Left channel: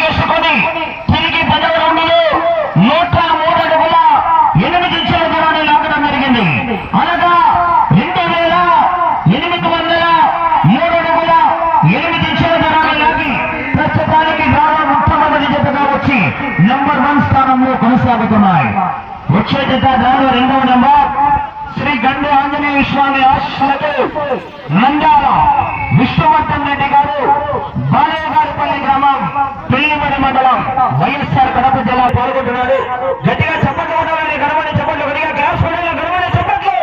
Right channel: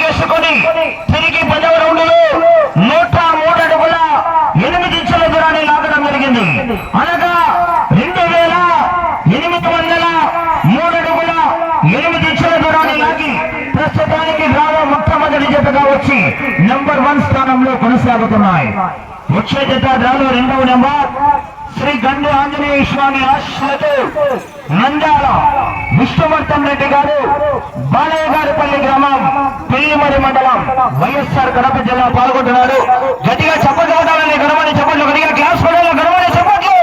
అడిగేసుకొని తిరిగి పదవ రౌండ్లో నూట మూడు అడుగుల ఎనిమిది ఇంచుల దూరాన్ని లాగడం జరిగింది. అనగా రెండు వేల ఎనిమిది వందల మూడు అడుగుల ఎనిమిది ఇంచుల దూరాన్ని లాగి ప్రస్తుతానికి గ్రామ మొట్టమొదటి జతగా వచ్చి నంబర్ వన్ స్థానంలో కొనసాగుతున్నాయి. వచ్చే జత డ్రాలో రెండవ నంబర్ శ్రీ గండి ఆంజనేయ స్వామి ఆశ్రతో నంద్యాల విష్ణువర్ధన్ రెడ్డి గారు పెళ్ళిమడి మండలం వైఎస్ఆర్ కడప జిల్లా పాల్గొంటున్నాడు. గట్టిగా చప్పట్లు కొట్టాలని గడవని చప్పట్లు గట్టిగా క్లాస్ పడాలి గడవని చప్పట్లు.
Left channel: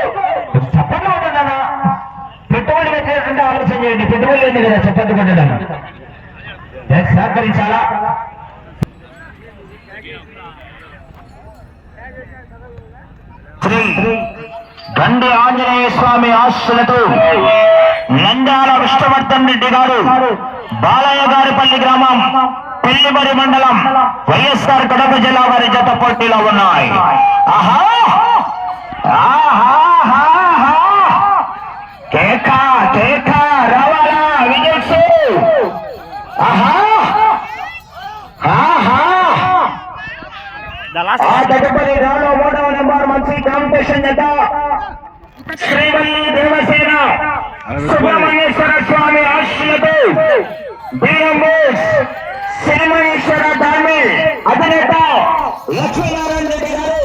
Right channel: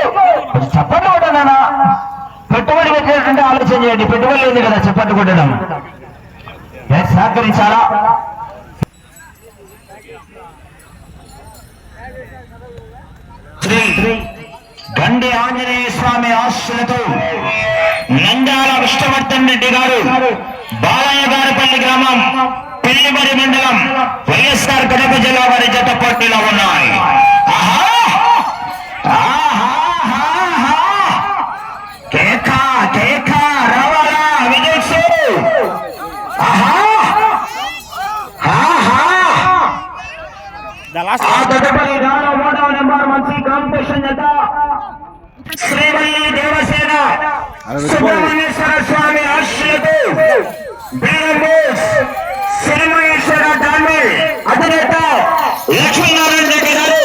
చప్పట్లు కొట్టాలన్నా పెట్టుబడి పెట్టినట్టుంటే ఆలోచన చేయండి పెట్టుబడి లేదు కదా చప్పట్లు కొట్టడం. సహకరించాలా? శ్రీ గండి ఆంజనేయ స్వామి ఆశలతో నంద్యాల విష్ణువర్ధన్ రెడ్డి గారు బాలయ్య గారిపల్లి గ్రామం పెళ్ళిమరి మండలం వైఎస్ఆర్ కడప జిల్లా వారి జత పోటీలో ఉన్నాయి. ఆహా! ఆహాహాహా. కేక కేక రవాలా విజయ్ సేవ్. ఆహా! ఆహా! ఆ తదుపరి నాలో మూడవ నెంబర్ మంచి కాంపిటీషన్ జత శ్రీవల్లి దేవసేన సుబ్రహ్మణ్యేశ్వర స్వామి ఆశ్రయతో బీరమోస్ శ్రీమహేశ్వర డామి అధినేత లక్ష్మీనారాయణ రెడ్డి గారు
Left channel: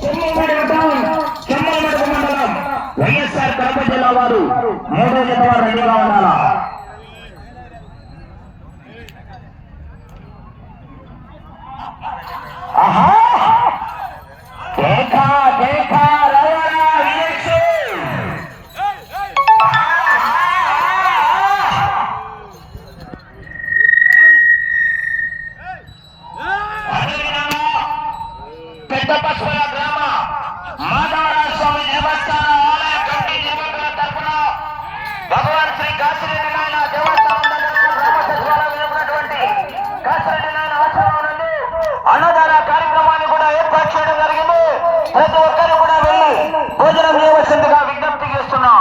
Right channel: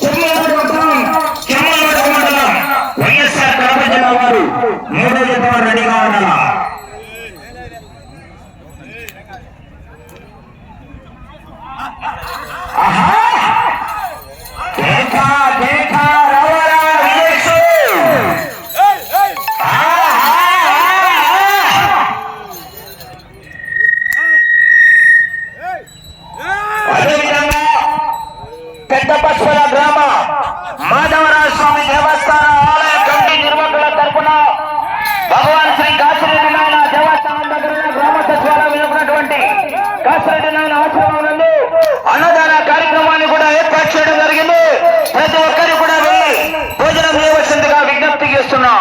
చెమ్మలమడుగు మండలం చెమ్మలమడుగు మండలం వైఎస్ఆర్ కడప జిల్లా వారు మూడో జత వారు రెడీగా ఉండాలా ఆహా! పెద్దపచ్చల గ్రామ. మాధవరాజ స్వామి దేవస్థాన ఆలయ కమిటీ నిర్వాహకుల తరఫున భగవాన్ శ్రీ కాశీరెడ్డి నాయన దేవస్థానం దగ్గర గ్రామ సచివాలయం వెనుకున్నటువంటి కాశీరెడ్డి నాయన ఆశ్రమం అన్నదాన కార్యక్రమాన్ని కూడా ఏర్పాటు చేయడం జరిగింది. ప్రతి ఒక్కరు కూడా వెళ్ళి భోజనం చేయవలసిందిగా విజ్ఞప్తి చేస్తున్నాం.